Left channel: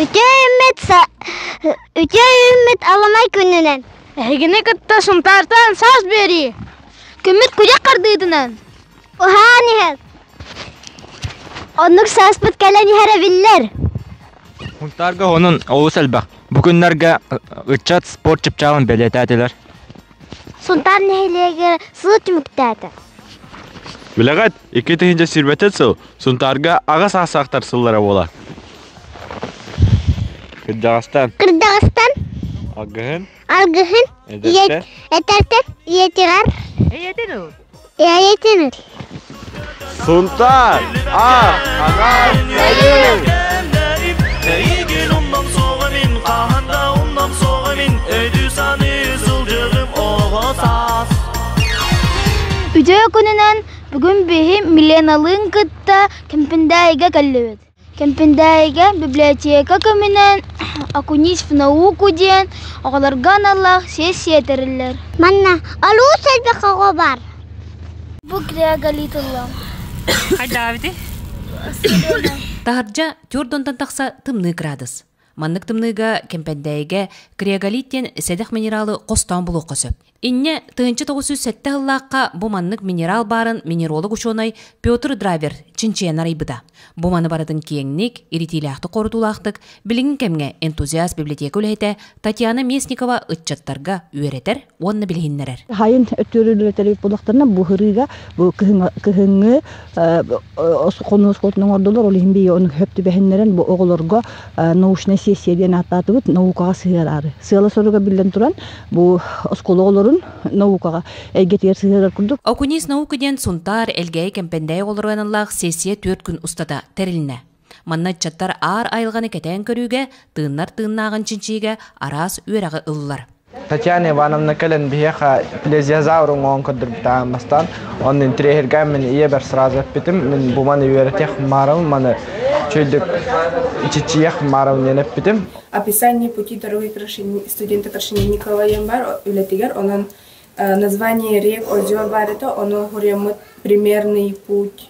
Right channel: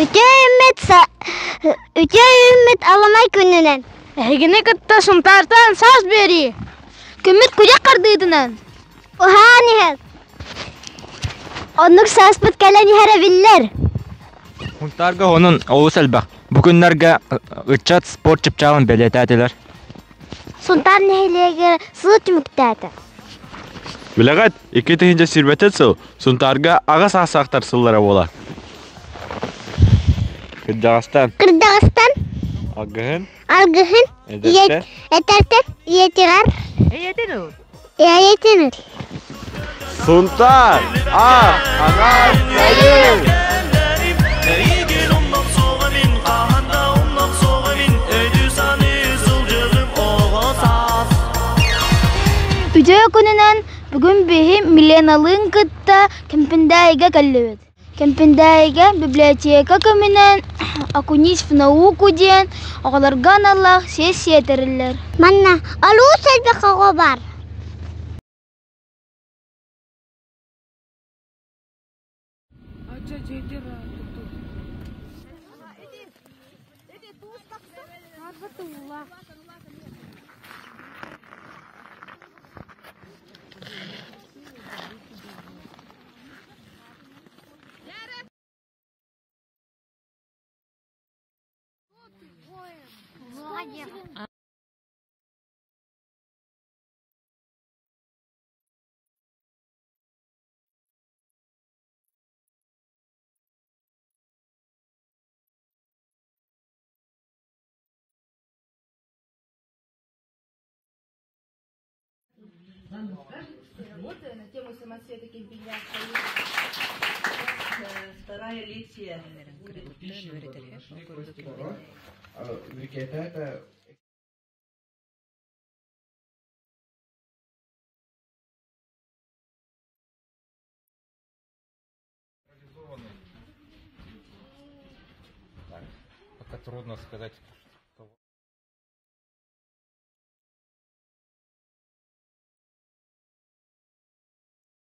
Üçe ümmet alamay gününen. Egine kıtta suntartan saz beri. Kümmet kucak kardıydınan. Oha nihez. Onluk saspıt gelen yere biller. Huntarga onun oğuz elbaq. Bugünlerge ıçat spor çıpçağın beletediler. Suntar nehilege sığıt mükdedi. Bilegat, iki tihince sirbetet sıl. Suntarga ağa sağsaqtar sıllara bolar. Kırcağıstan. Kırdağıstan. Agıhın. Algıhın. Ederten. Eterten. Yetirar. Eyetenur. Yetinir. Suntar. Ağa sayın. Erigin ondan soğa min, qahanda ondan soğa min, ödü sanı sılcığım oğa saz. Üçe gününen bugün bihi milenalın kıtta kempindayga kallibet. Kempindayga biblioteka keminen akunis fnauku diyen oğlargan Allah ses yeterirler. Manna alu selbe kago var. Bu kriya galitullah. Hay Davidi. Taharja Jordan'dan taksa tımnı gradus. Manlık tımnıga kempendeyge kriyagalitten sedek mineralı kostan buluqası. İnne tığınçı 907 hıllaqqa bu manlık mineral barın minerolog uçonay Piotr Driver çinçeyanar aybıda. Bu manı baradın kiyengnik, iritilahtı korudulaqtık, bilingin kemge entuziyast biblioteka ülhete Tatyana Mesnikova ıtçattarga üyereter, onunla bilhinnerer. Hayın ötürülüleri bulaklarına bu hırıga, bu kıhıngı, konus koltuğunun ordular, olayım bir onu höptü behenleren bu oğulurga nauşna sesiyediyen atladı bud, navukağa sığırarı. Sığala soruga bilden turan, bu oskoloğulurun navukağa elgetiyer sığırar kurduk. Okunis naukudyen suntar elgey kempendey olurganallah sesiye 4 gün ustada terinne. Manna çattar ağır ayılganı keten körüge, tığınlar tığınnağın çinçiğe aras üyerağı ıllar. Tatyana Ivanovna kalen biheqa pleziyazavrum on kadır bitamastan, onun trehirgen min iyi bir srazı bitim, min bu manı üyereteh maram, manı çöldük çiçiyek maram yenep bitim. Описание пути дороги студента Крашенинникова Ямбар, Улетигар, он название рек, озер бар, это он говорит примерный путь.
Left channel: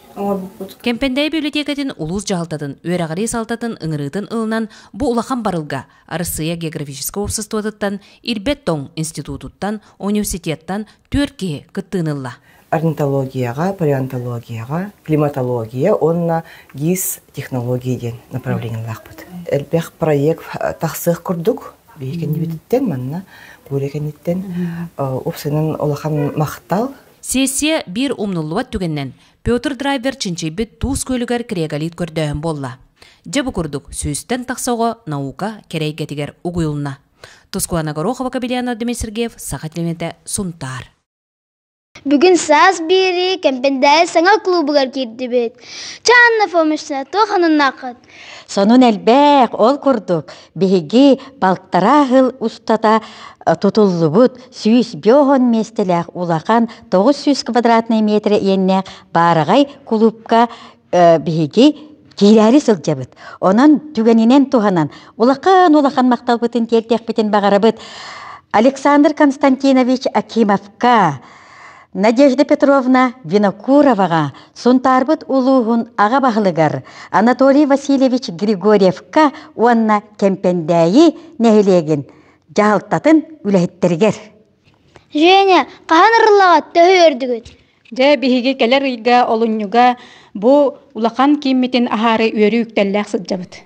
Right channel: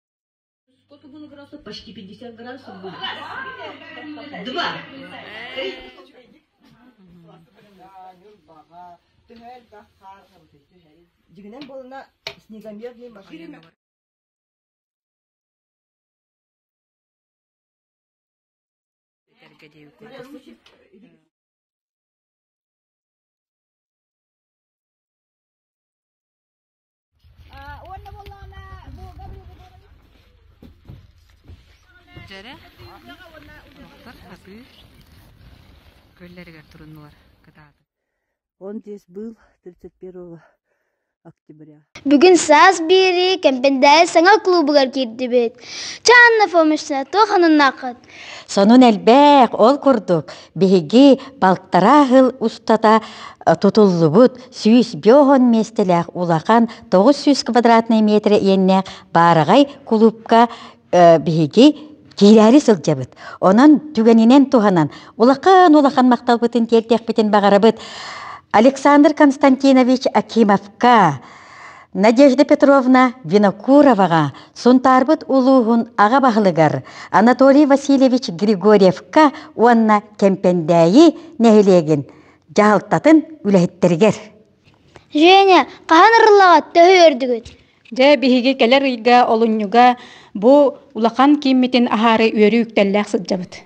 Kempendey bibliotekatin ulus jahaltadın, öğreğari saltatın, ıngırıdın ılınan bu ulaqan barılga, Arısıya geografiskiska обществотыттан, Ирбеттон институтуттан, университеттан Türkiye kıttığınılla. Орнитологияға, палеонтологияға, климатология, онна гис технологиядан направлениялақ бұд. Әлбәқ проект тақсық күрдік, бейкен беттен, манна бөрекенеттен, опсының олақан мақтал. Сессия bir умнулуат түгеннен, Piotr Driver çinçeybet tuz kölüger kregalit kördöğün bolla. Jabı kurduk, süsten taqsağo nauka kereygetiger uğuyulna. Tuzkuana Gorokova Kabiliana Demir Sergeyev, Saxatlimete Suntar. Bugün saz biri kempendey sana klubugar girdi bet. Çanna fomişna toxanın naqat. Sonun elbek ol kurduk. Bihigi balktarahıl ustata tutulubut süys biohon mestelek ulaqan 900 kvadratный metre enne baragay klubka bihigi kirari sılcabıt. Onun tügeninen tuhanan ulaqan maqtalbıtın tertekbitin bağarabıt. Александр Константинович Акимовка, Надежда Петровна Винокуровага, Сунтарбыт улуғын аға бағылығар, Анатолий Васильевич Григорьевка, онна кемпендәйі нәхілеген жағылттатын үләйттергер. Женя, қаған ұрылаға төхі өрдігіт? Жа бігіге кәлер үйге олынюға бұ улақан кемметін ахары өрі үктәлләқ сыджабыт.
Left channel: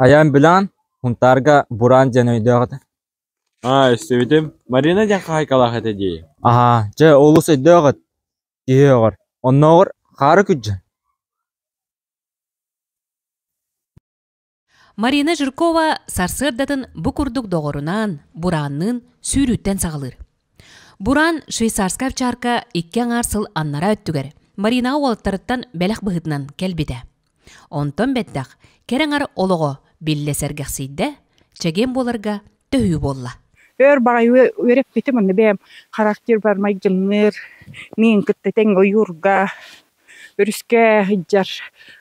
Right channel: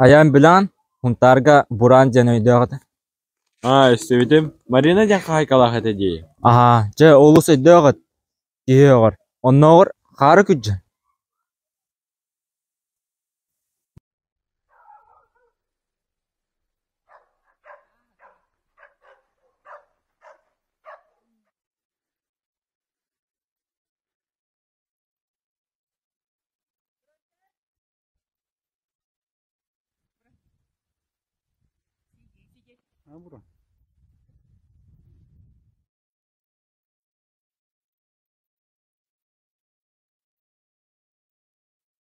Ayam bilan huntarga buran janoydağıdı. İstevidim. Marina janqa haykalaq etedi. Aha, je olus edağıd. Diyor. Onnoğur xarı küccan. Marina Jurkova sarsırdatın bu kurduk doğrunan buranın sürütten sağılır. Buran Şveysarska çarka 2 arsıl annara öttüger. Марина уолаттарыттан бәләк быһытынан кәлбите. Онтон бәттәк кереңар олого биллесергәхсийдә, чеген боларга төһү болла. Өр багай өреп битем аны бәм характер бар майгынныр, мен кыттен ойурга, өрүскә хиҗар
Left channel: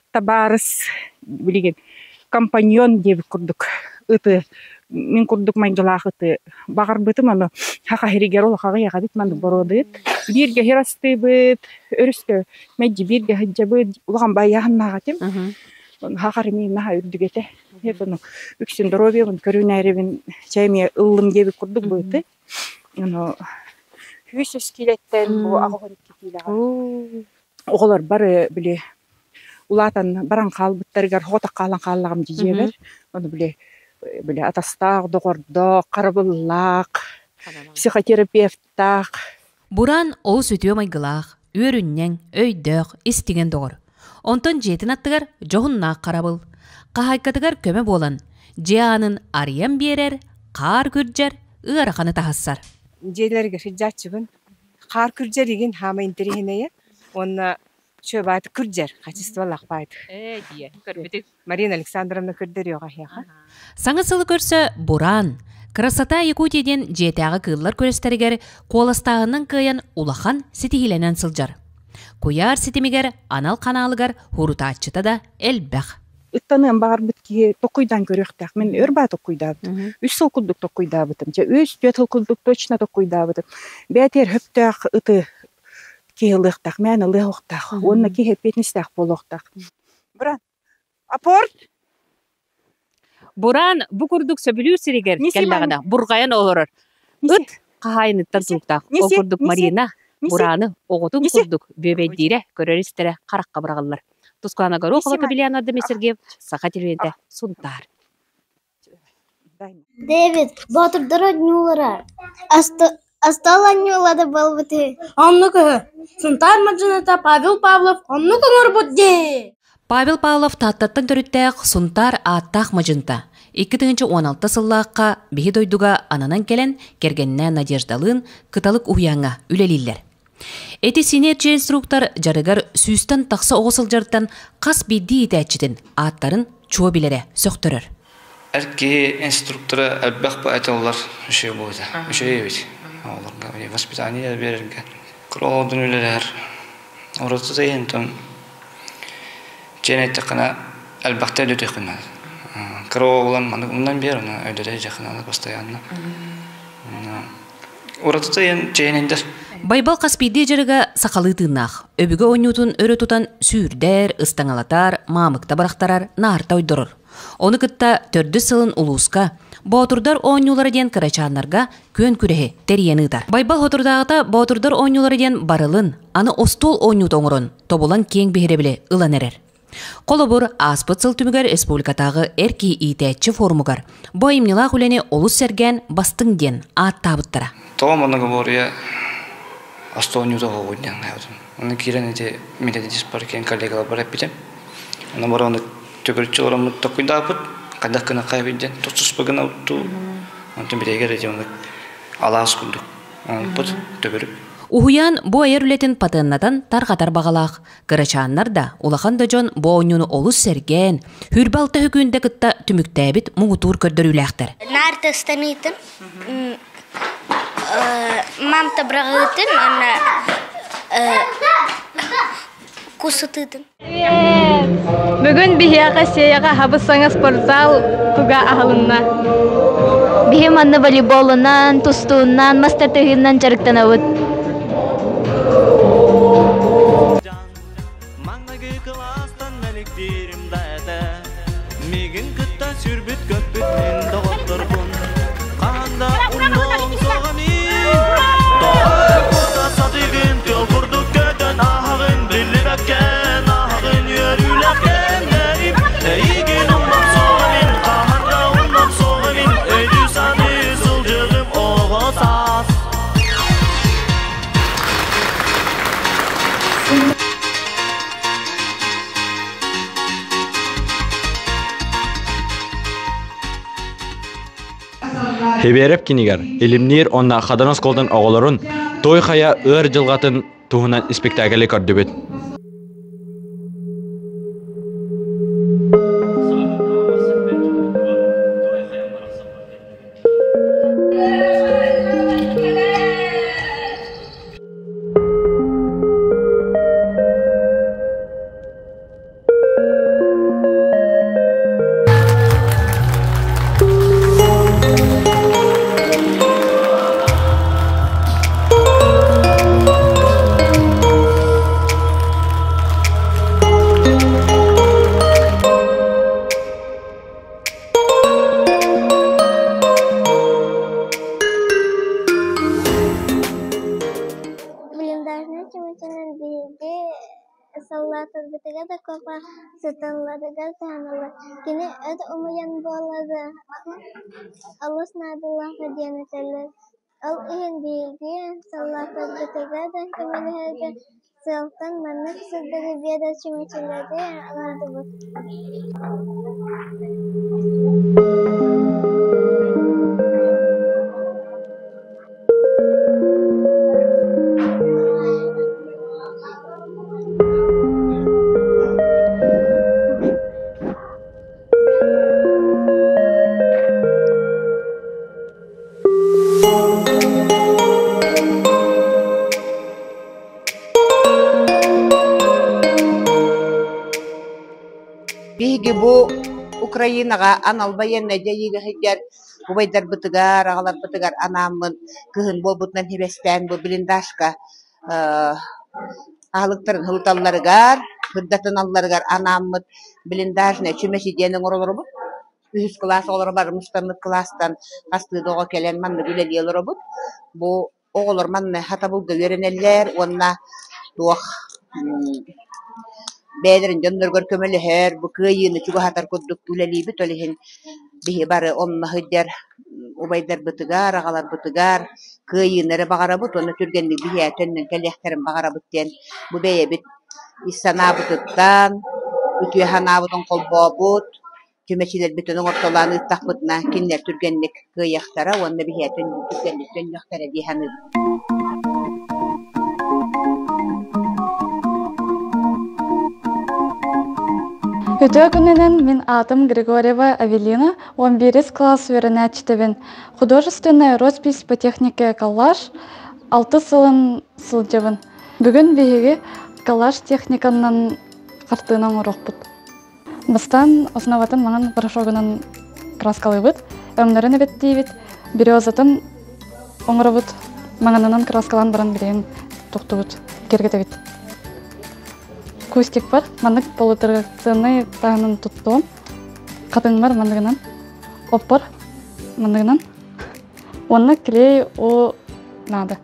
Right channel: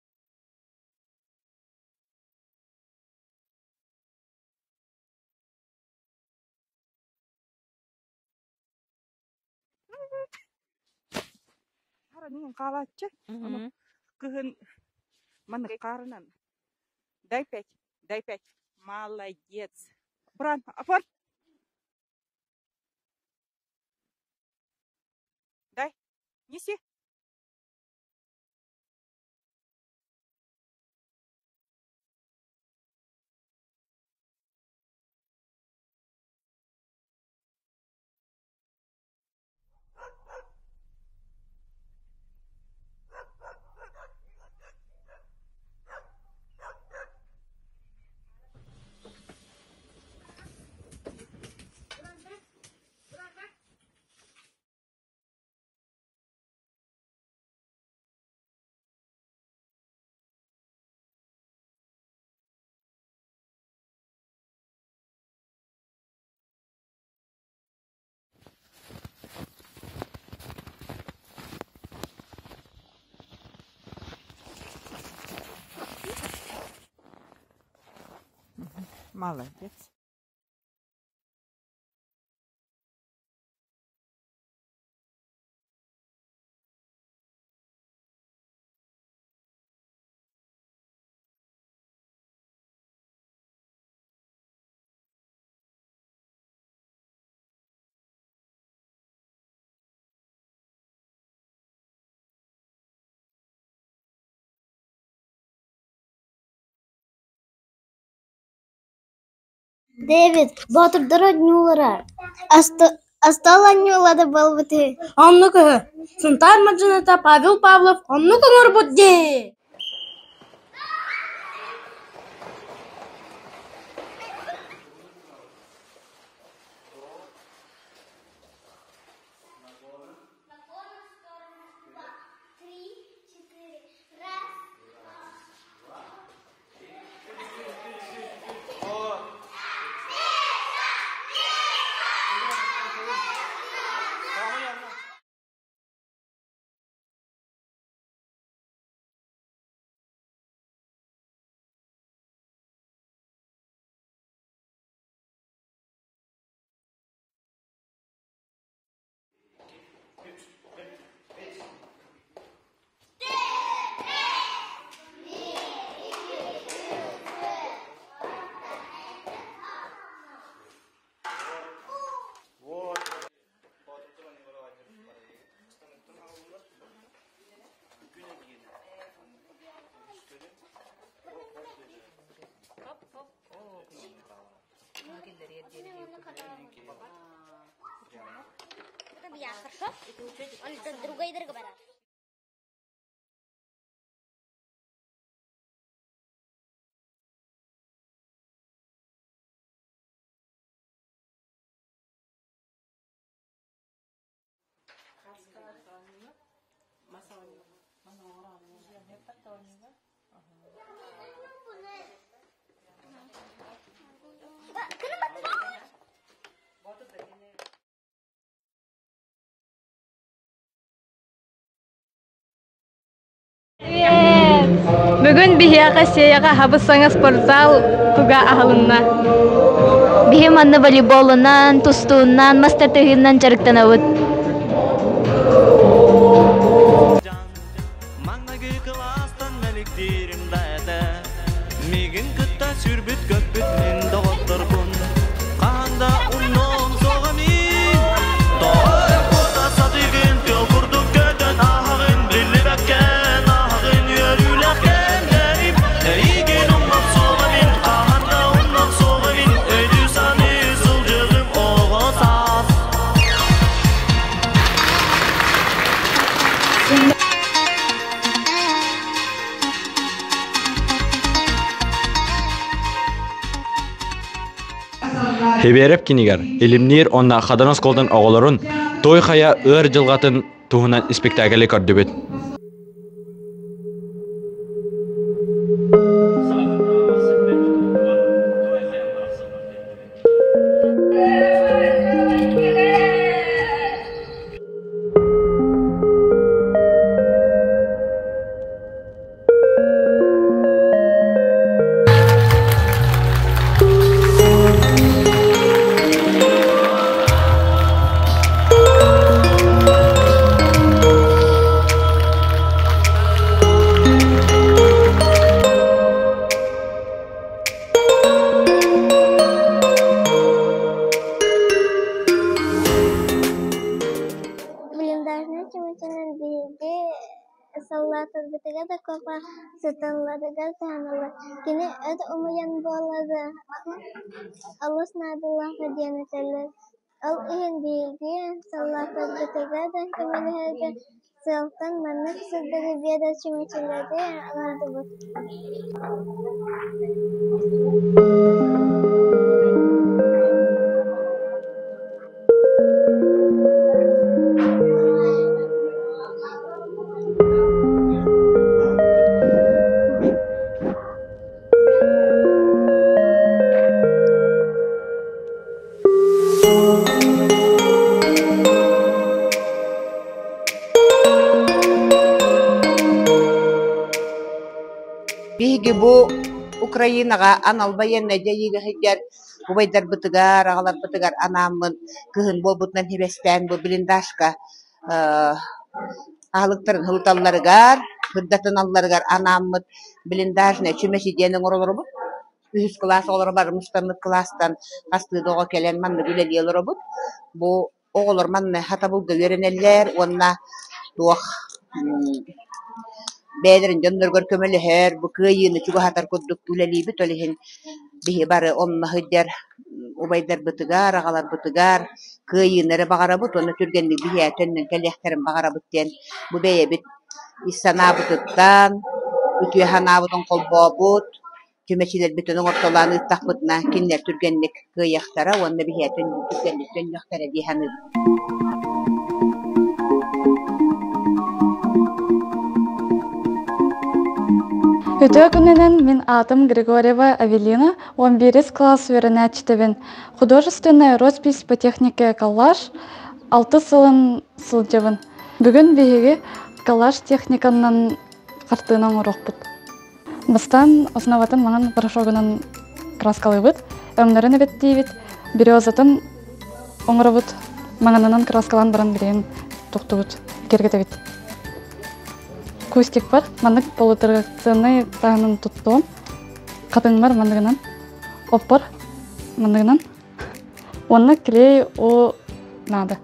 табарыс билеген компаньон дип курдук. Ыты мен курдук майгылахыты багар битем аны хака хиригер ол хага яга бит мен бородыт. Бирге херасты бит, өрүскә мәҗи бирге хиҗабы уган баягыннага тем. Хакар мен наха үрдүгете. Хепен үксен дробиен көрүнәребен чәйме ыллым дип курдук быты. Аны хүсүс килеттен бу агыр китиләгә. Оголар бары биле улатан баран калбыттарга хота калан каллагым дижебер. Аны биле атастак, догордо, карабыллак, психотерапевттак. Буран ол сүтүө майгылаах, үөрүннең, өйдөк, истиген догор. Онтон жетин аттыгар жоғынна қарабыл. Қахайкатыгар көмө болан. Жеанын ариян берер, қар күрджер, ырақаны тахассар. Желерге хиджатчыбын. Қар күрджер еген хама интерихинея. Онна чөбайты күрджер, качестволақ байты. Марина Александровна күрдер йоға хеха. Саңысылы көрсө Буран. Красота Якутияден жетағы кыллар көрестерігер қоластағының кыян улахан сетихиленен сылжар. Куяр сетимигер анал каналыгар хурутачыта да элбәх. Ыттанын багар битки токуйдан көрөктак. Мен өрба токуйдабыт. Үч сылкулдук токуйдабытым. Же үч бетылкулдук точно токуйдабытым. Бетер хөптак ыты киылыктак, мен ылыктак. Онна кихеп бетнистак болохтак. Буран. Апорт. Буран бу курдук сөбүлүү сиригер келдагына бургаян олорор. Ыт кахайныттан туктак. Ол курдук Марина Бураны оготун курдук бөбөйдире көрөрүстере каракка баргалар. Тускана горохова Кабелиана Демесергев, Сахателенте, Сунтар. Дэвид, батырдара нюлара. Астала нюлада балбыты. Аннука, Сунтар Маджаната, Павел Павлов, аннука норбудде. Павел Павлов таттаттан төрүттәк Сунтар аттах мажынта. 2016 сыллааққа бихи дойдуга ананан келен кергенне Надеждалын кыталык уяңа үлелиллер. Эти синерчи инструктор жарыгар сүйстен тақсы оғысылжарттан қас бидді етәтчетін аттарын чуа билере сөқтірір. Әрке инструктора әлбәқ ба айталар үші болды. Үші ебет. Воспитание берілге. Құралдың өлелер. Орасы зайынтын. Женетті қана әлбәқті өте қынады. Кроволан мандан бер, өйдөрө жакыналы постоянно. Ората тайын чейнендер. Байбал Каспийде жарыга сакалы тыынах. Өбүгө ойнутун өрө тутан сүүрдер, ыстаңалатар, мамыкта барактарар, нарта ойдорор. Оны кытта төрдү сылын улууска, боотурдар ойнулары ден кырачааннарга көн күрехи терияныытар. Байбал хотурдагыта боотурдар ойнулары ден барылын, аны остол ойнут оңорон, тобулан кең бихире ылан эрер. Колобур аспыцыл түмігер республикатағы эрки итәтчі формугар. Бо имнила хүләне олус серген бастың ден ат табыттара. Тоғым оны говоря, астонюда ғойден. Оны кирен ете медедис паркен коллегала барап бітем. Оны бара оны төгіртші орамы тоқойдабыт, қайдақ кына қайбеден, тосыз бұғына ұтту. Оны бідегер ете оны алаас күндік. Оны бұд төгіріп. Ухуян бу айыр үлетін патыннатан тарғатар бағалақ. Кырачааннар да улахан да жон бу ойнуны олус серген, хүрбалты хүкүнде кытта түміктәбіт мұғытуыр көрдір үләқтір. Нарты станыйтын, мамта брағытын, кусытытын. Бүгін бихияға сеяға хабысаңа спортзал туга ағылынна. Бихим анны волейболынан, тустуынан, мастатығынан жарықтан ауыт. Мегін күтті сүрбіт көпбіт мен доғыттыр бұн. Қағанда ұнның соғамин. Тоғыр қота сатығын тел күрдік көтін ағын білі бәккен ағын өріләкен дәріп. Еген ұнның соғамин, қағанда ұнның соғамин. Өйді саны зылжығым оғысас. Хебереп кинигер, илимнир онна хаданос колдан оголорун той хая ыр жылгатын туһунан спектакль көрдөбөт. Sallatır bitege de kopa sıtanlarıgar tanrılar. Kini öt umuyan boladı. Allah nadullah hediyeneteler. Al ihin bilgi sallatır bitege de kemilherde Zeltan manık sıdırı bir de çimiçilerde anladı bu. Биги бу Украинага аналбайен жайыга хидер бубайдар бытыгар агалар бытыгар анамын кыһын болбутнан хибестен бу блиндашка агалыктарын хылталларыгар хырдатыналларыгар анаммыт блиндажне чүмеси денең оролорбут үс класс олар бар мустанык класстан астыдога келен манны билелиелоробут бу оголор манны хатабылга веренеллер онна туох Beylerin canlar kömeli her bu kıyını çuga hatar kuduk tüleli bitolihin bihi bare onna hıder ubayder bıtıgar ağalar bıtıgar kıyınları bağara but onu türgenli bihi etenin kelekterin bağara bitten bu beye bit isana bıtıktan ütüye hanavudun kolbo but tümeçiler bütünün ortalarını ıttak bıtına kinler türgenlik kıyaktara onna bihi etenin türgenlik tönyaktara dihanı Өтө күнінен мен атым Григорьева Авелина, 11 класс веренәчтебен. Художественная роспись по технике коллаж 6 сылын сылжабын. Бүгін беге коллаж техниканнан қартынан ұрық бұд. Бастан основатын маған порошогынан краскалы бұд, өмнерін әбет дейбет, березатын оңыры бұд, мағанынан краскалан баран білеген тұқты бұд, кергеті бет. Кустик бар, мандык полуторакционный тағынан тұттуым. Қатың бар мандығынан. Оп бар мандығынан. Оны клей о надо.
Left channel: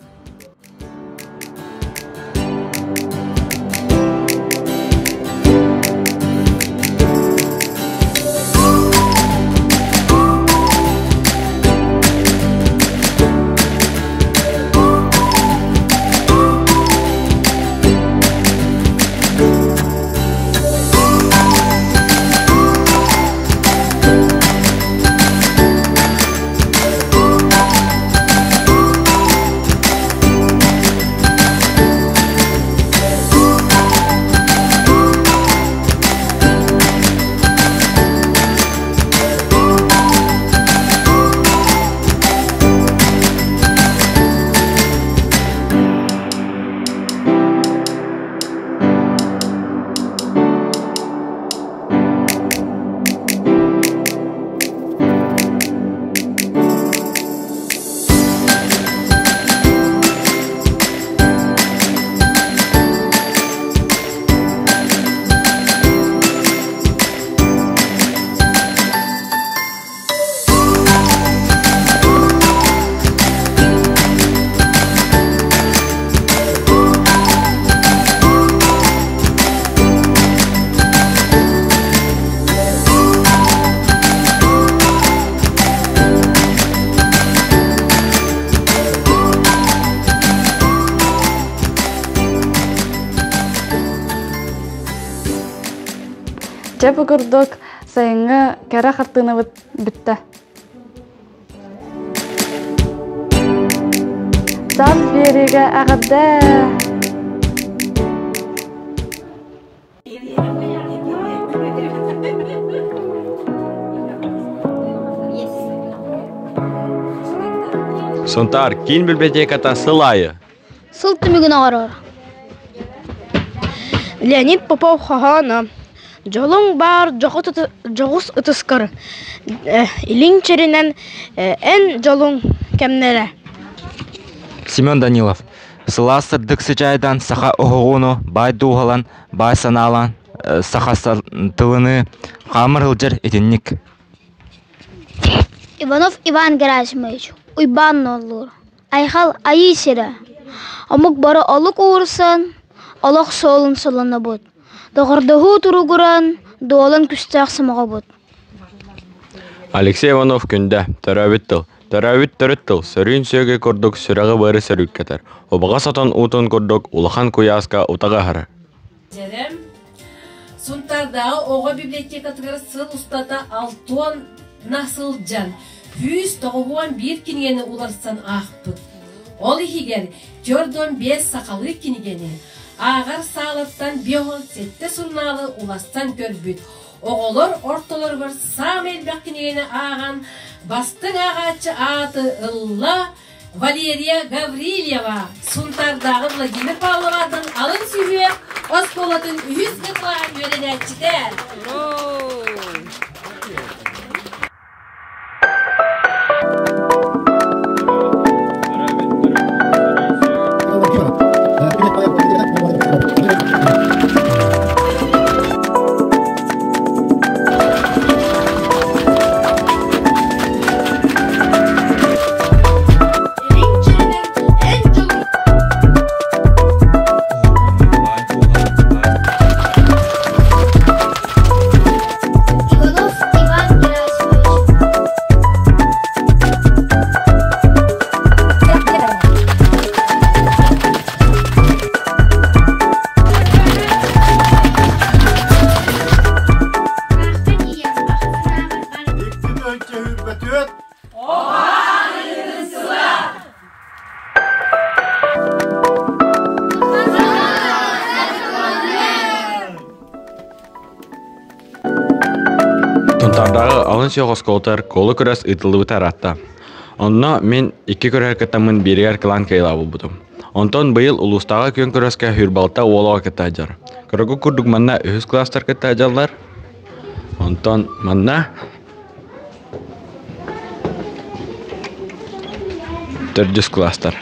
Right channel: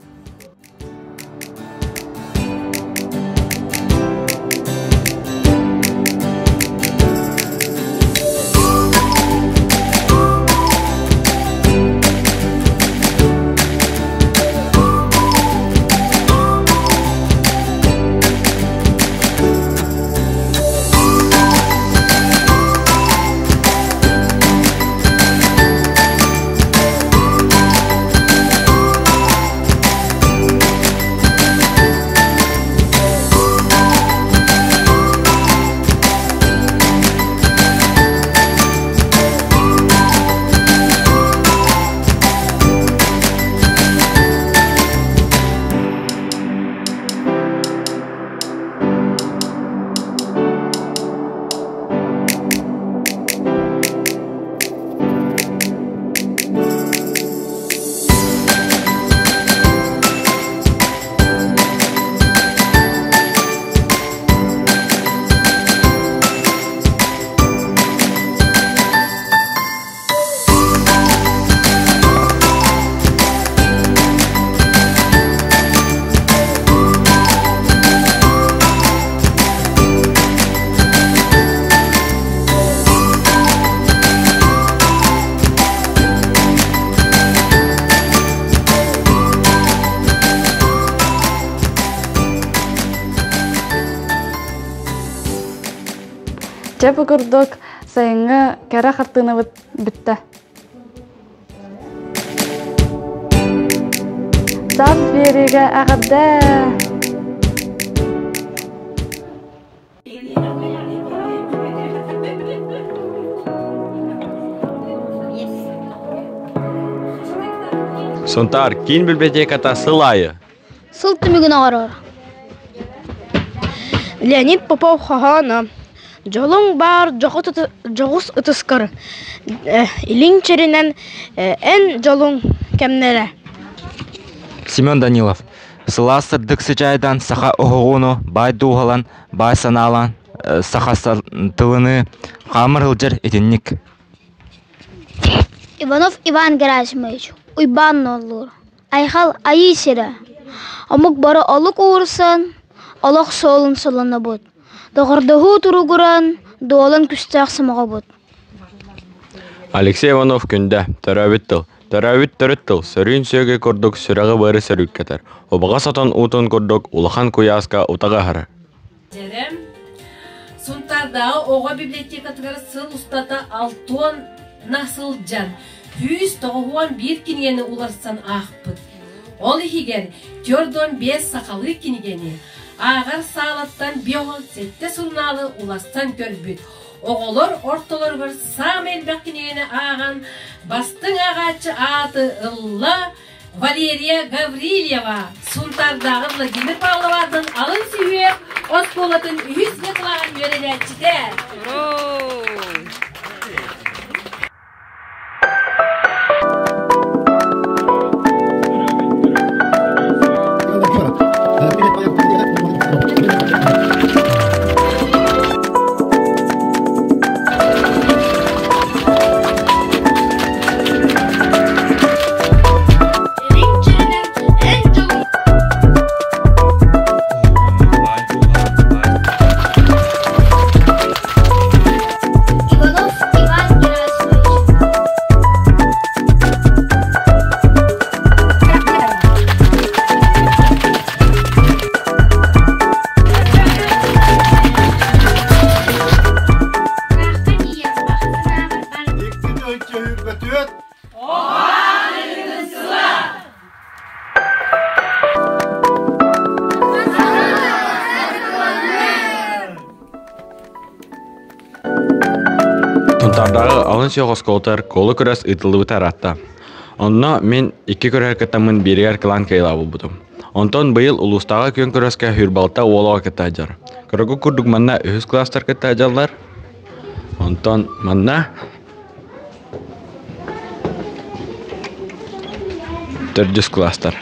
Чепі күрдік сайынғы кәрі қартыны бітті. Саз береге ағырды. Сонтар, кейін библиотеката сылайы? Сыл түмігін ағарар. Леонид Попов хағана. Жолың бар жоғыс ұтыскар. Илин черінен ән жолың кәмнері. Семен Данилов. Сыла сырдық сычайдан саха оғуну, бай дуғалан, бай саналан, саха тылыны, қамыр ғылжыр етінник. Иванов Иван Герасимович. Уйбан olur. Айхал айы сері. Амук бары олық уырсан, олық солын солыны бұд. Доғырдығы тұрғыран, доолан күстәқ сымаға бұд. Алексей Иванов күнді төрәбіттіл. Төрәбіт төріттіл. Сөрін сөйге көрдік сүрәғы бары сөрік кетер. Обаға сатан ұтын көрдік улахан куяска ұтаға хары. Жерем, Сунтардағы оға библиотекатығары сыл ұстата алтуан насыл жан. 191 кингені уларсан ақпыд. Ол егер көрден 5 сақалы кингені. Ағар сағалаттан 5-7 сұрналы уларсан көрбід. Оғылыр орталар бір сам әлбәк кингені аған. Бастың ағачы аты Ылла Валерия Гаврилева. Сунтардағы Владимир Павловадың алын сүйе Осколатын 100 ғытлаған өреләтчідер. Тунтардағы алын сүйоғыз колтар колы көрәс ұйтылы бұтар атта. Онна мен 2 көрәр кітамын берігер кылан кайлабыл бұдым. Онтон бұйыл ұлыстағы көн көрәске хүрбалта олаға кітті ажар. Көрігі күрдік манна 3 кластар кітті ажалар. Онтон манна 400 кластар.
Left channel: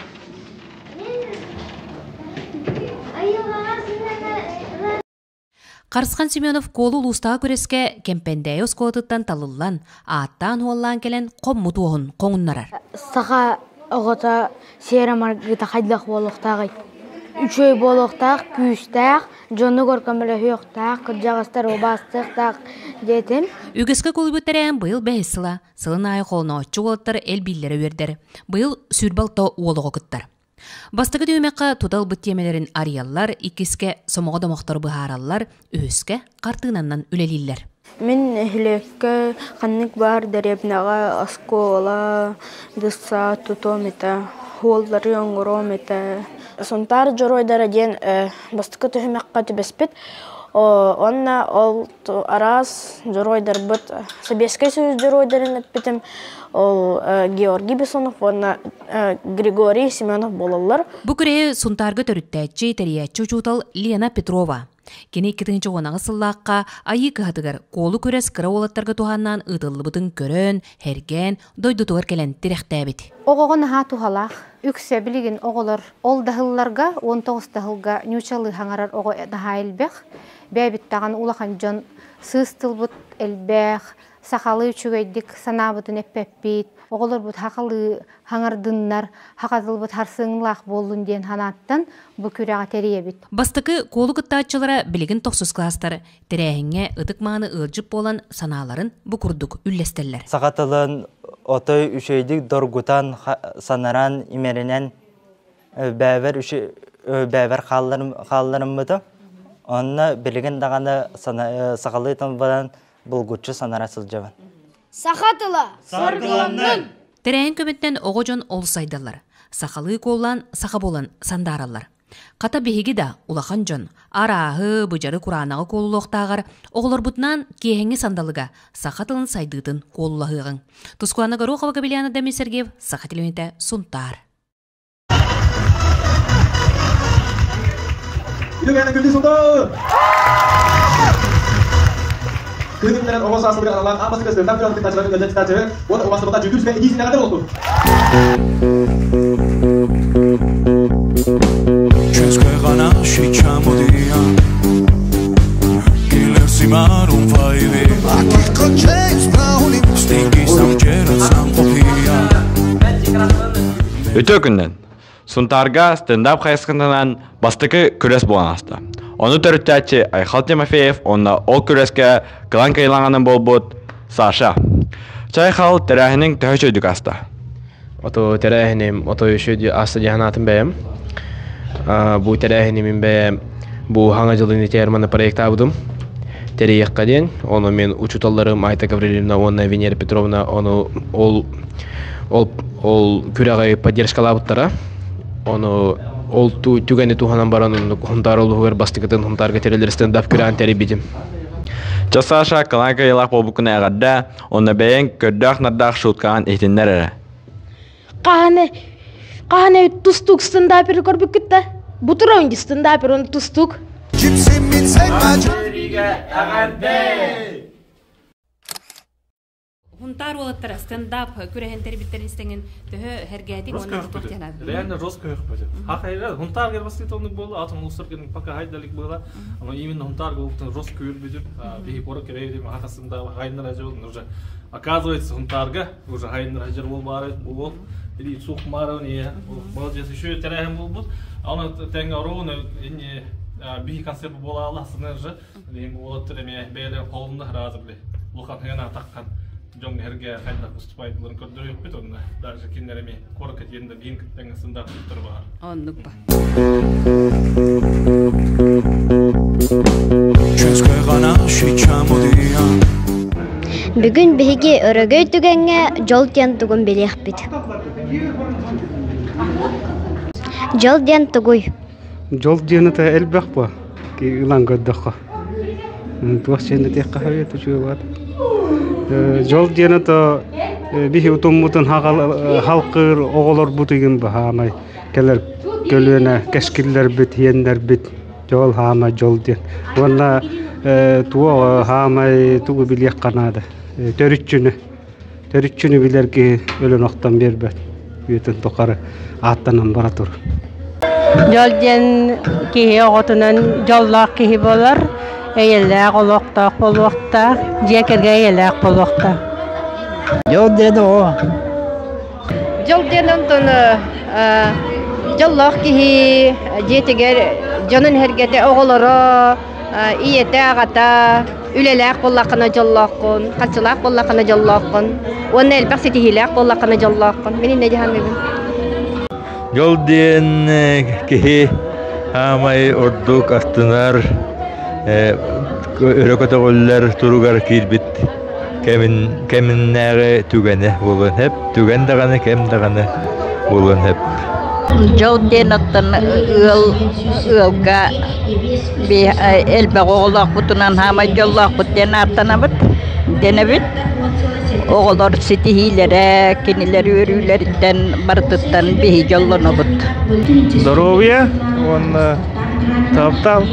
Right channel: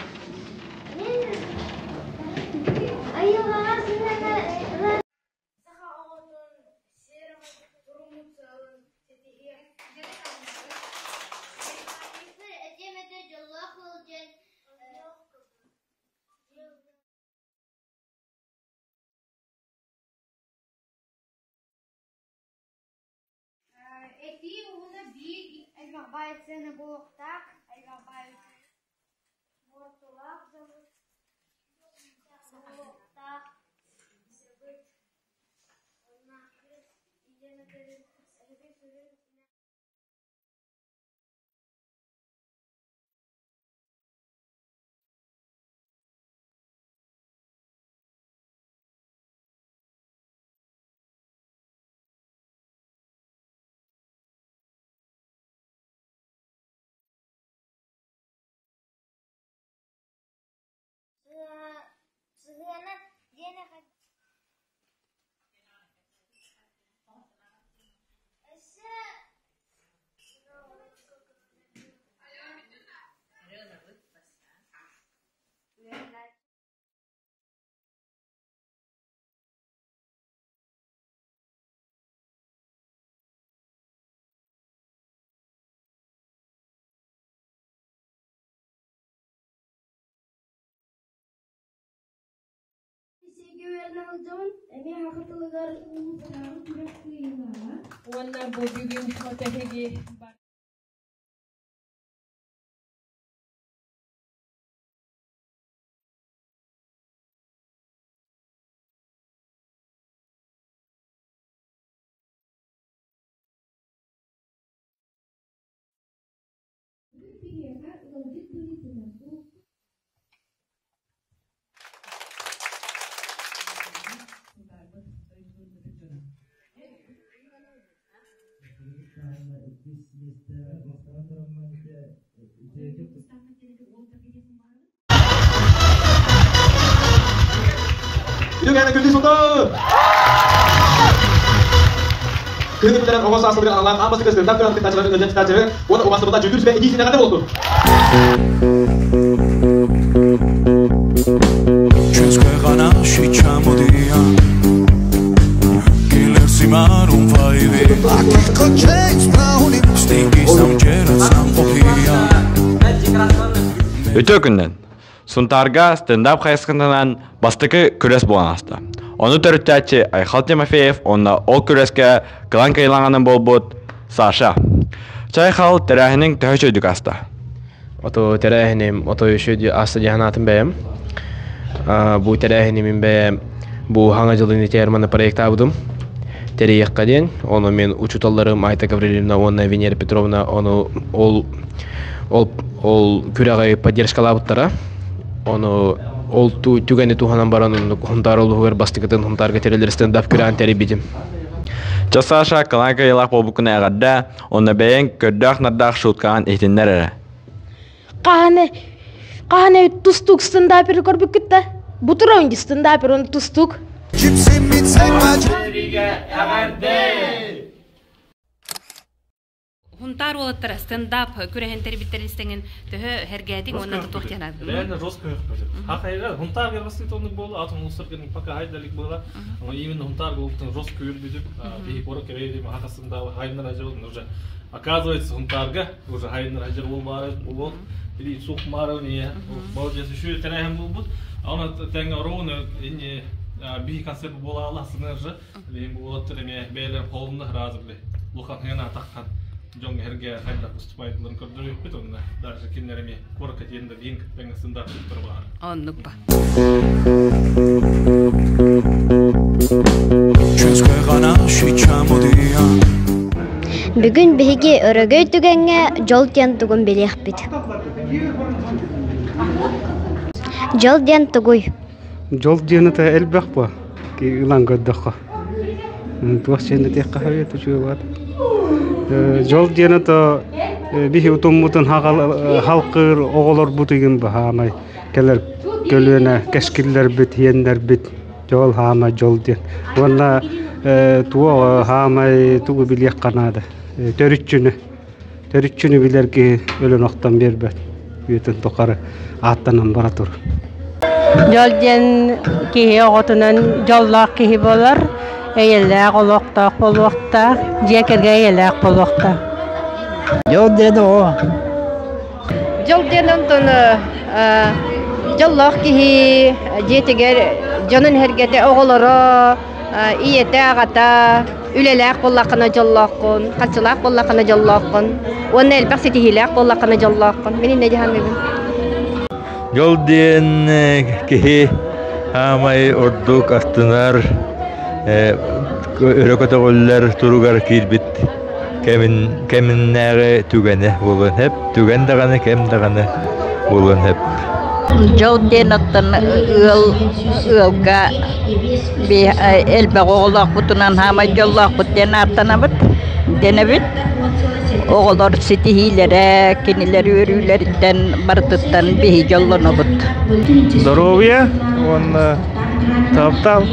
Қарысқан Семенов колу ұлыстағы көреске кемпендәй осколатыттан талылан, аттан уоллан келен қоммуду оғын қоңыннара. Саға оғыта сері маргыта қайдақ болуқтағы. Үшөй болуқтақ, күйістақ, жоны көркөмілі хүйіқтақ, күржағыстар обастықтақ детім. Үгіскі колы бүттәрән бұйыл бәйсіла, сылын айы қолына отчы олаттар әл білдері өрдер. Бұйыл сүрбалта уолығы күттар. Бастығы дөймеққа тұдал бүттемелерін ариялар, икіске сомоға домақтар бұхаралар, өске қартығынаннан үлелілер. Мен хүлекке қанник бар дәребнаға аскола, дұса тұтомета, холдары оңғыромета. Сонтар жоройдары ден бастығы дөймеққа түбеспет, онна ол арас жоройдар бұт. Сабеске сөз жоройдарын өтпетім. Ол Георгий Бессонов, онна Григорий Семенов болалар. Бұ күрі сұнтарғы төріттәтші тәриятчі ұчутал Лена Петрова. Кені 2-ші онағы сыллаққа айы кығатығар қолы көрес кіра олаттарға туғаннан ұтылы бұтын көрін, әрген, дойдутығар кәлін тіректәбет. Оғығын ға туғалақ, үксе білеген оғылар ол дағылларға 19 дағылға нючалы хаңарар оғы дағайлбек, бәбіттаған улақан жон сыстыл бұт әлбәқ, сақалы үчігейдік санабытын әппәппет, оғылар бұт хақалы хаңардыннар, хақадыл бұт харсыңлақ болын ден ханаттан бұ күрәға тәрие бет. Бастықы қолы күттатчылары білігін 9 кластары, тәрәйіңе ұдық маңы ұлжып болан саналарын бұ күрдік үллестелер. Сақатылын отой үшейдік доргутан санаран имерінен бәвер қалларым бұды. Онына білігін дағаны сақалы таңбадан бұлгүтші санара сылжабан. Сақатыла, сарғыланның! Тәрәйін көметтен оғы жон олысайдалар. Сақалы қолан, сақа болан сандаралар. Қата бейгі да улахан жон. Арағы, бұжары құранағы қолылықтағар, оғылар бұтынан кейхенге сандалыға сақатылын сайдыдын қолылағығын. Тұскуаны ғару қаваға білияны Дәмей Сергеев, сақатылуеті сұнтар. Kehutanan omas asal dari alam, apa sih keseluruhan film kita cari, buat omas sebentar jujur supaya izin yang ada waktu. České gana šičamo dia, killer si marum fajvi, akih koček sprahuli, stinky sam čerat sam opija. Өтө күннен Сунтарга стендап хайскандан бастыкы күрес болан аста. Onu törüttәче Айхал Тимофеев, онна ол күрәскә кылан кайланганын болбут Саша. Чайхал тәрәһенең тәһәҗүдик аста. Ото тәрәһенем, ото өшөдү аста җаһанатын бәем. Бу тәрәһенем бәем, бу хаңа жылын терманы проекта будым. Терияққа ден, оны мен учуталларым Айта Гавриловна, онна Венера Петровна, оны ол күрәгай поддержкалабыттара. Оны ол түгәне туханан баран хунтар олугар бастыгытын хунтарга терелерстен дап күрән теребидим. Часаша каланка ялак болбукуна агадда, онна бәйен көрдәк наддак шуткан ихтиннәр әре. Kahane tustuk stand-up'ı korbuk gitti. Bu tur önce stand-up'ı onu tustuk. Хунтар олаттара стендап күрәһен тербиттер истеген төһө хәргәтин онда тоқтяна. Реально жестко yapacak. Hakikaten huntar gelmesi tonluk boldu. Atın uluslararası paka haydalik bola. Ama именно huntar голубтан жестко yürüdüdüm. Bir pora kereydim hakasında haydlar acı oldu. Уже оказывается huntarga уже haydlar acı olmara bol. Bir suq mara ne? Bolcası şu terehen bulbut. Ona tenge orunu inni bir konsept bola Allah sınırı. Benim bu olatırmaya beyler kolunda hazırlı. Lukan hena takkan. Jong herge hayda уступайдыларын көрдөрүп бит онда. Даже киндерими корка тенде бин теңсинда тур бар. Оннукпа. Бүгүн биһиги өрөгөй түгәнгә жол тен тугун белек бит. Жол тен тугуй. Жол тен та элбек ба. Ки улан göddökө. Тугаченде тек кахаве тучугат. Жол денето бихи утуммутун халкыр оголор бутыгын бахамай келер көлөне кескиллер бит йендер бит жол хама жол ден онна туо хамай тугу билек канады төрүчүнү билерки өлөн октан бербет бүтүн токары аттанан бара тур жол ден ки оготунан жоллак ки болор Eğerler olukta, polukta, cekerge eğerler polukta. Yol dedi o. Yol dedim tonu, yollar ki cekeger, canın hergede oğulları, iyete ağata, üleler pollakına yollarkın, kaçılar pollakına yollarkın, onun elbette setihiler pollakına yollarkın. Benim ne cehennemim? Yol diyen ki hamay orduk astınar. Örököte goller turugar kirbit keminnäge tügene bolun hep tügen dagana kem dagana bolun hep Jol denattan ılga bir elbe oğlak butunan hama jollak buten artanabıt denebit oğullar sitihilere kinileri örüleritten barıtıttan bir jollanabıt Здоровья, он таптал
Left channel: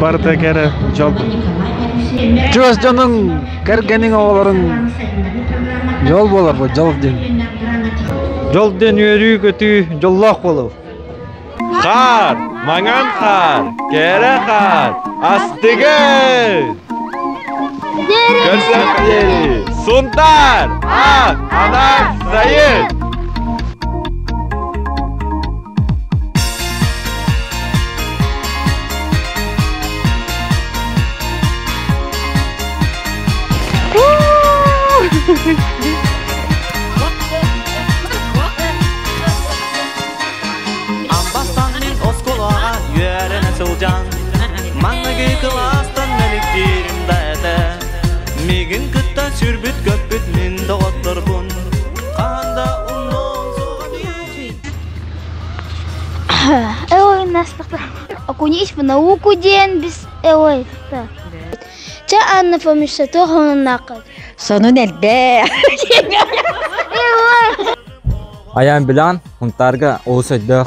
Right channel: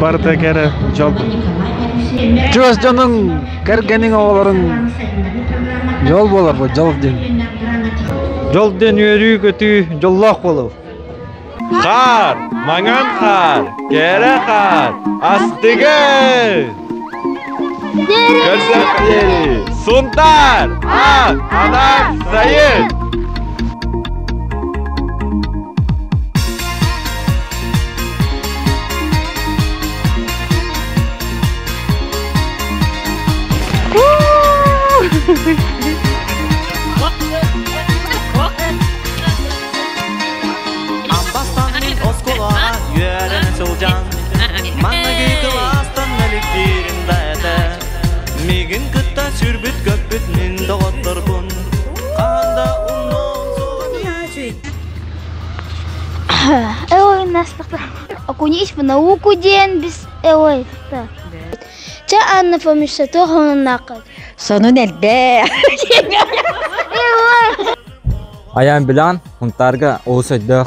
Barta kere jol. Çöz canın kergenin oğulların yol bolar bu jol den. Jol den yürü kötü jollak bolur. Kar, mangan kar, kere kar, astıgı. Görsel suntar, anak sayın. Ambastan min oskolağa yörene çılcan Mannagi kılastan melikdirim dayada Migin kıtta sürbüt köpüt min doğatlar bun Kahanda unnon soğani Ой, настолько. Окунись в науку ден без ой. Че Анна помешала то накат. Sonun elbe. Ayağım bilen huntarga olsaydık.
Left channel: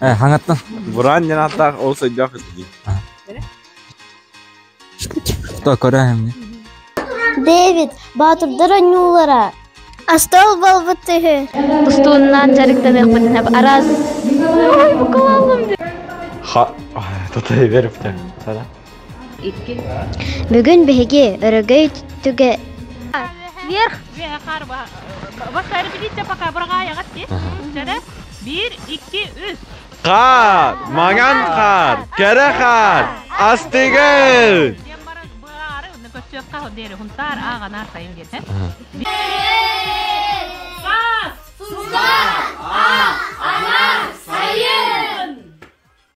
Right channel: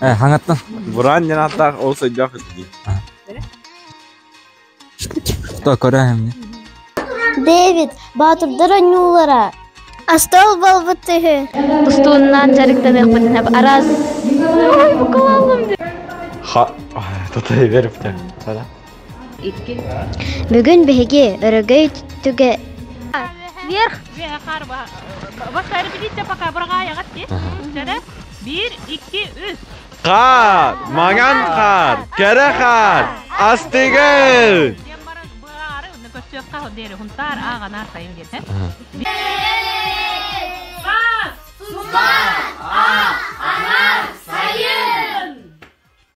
Hangattan. Buran yanattak olsaydık. Кто корем? Дэвид, батырдар аннулара. Астал балбытыгы. Тустуннан жарыктан экпетин хеп араз. Букалалым. Ha, tutayı verip de. Sana. Бүгүн биһиги өрөгөй түгө. Вверх. Башкары билетте пока бурага ягатты. Жада 1 2 3. Qar, magan qar, kere qar, astigel. Saz,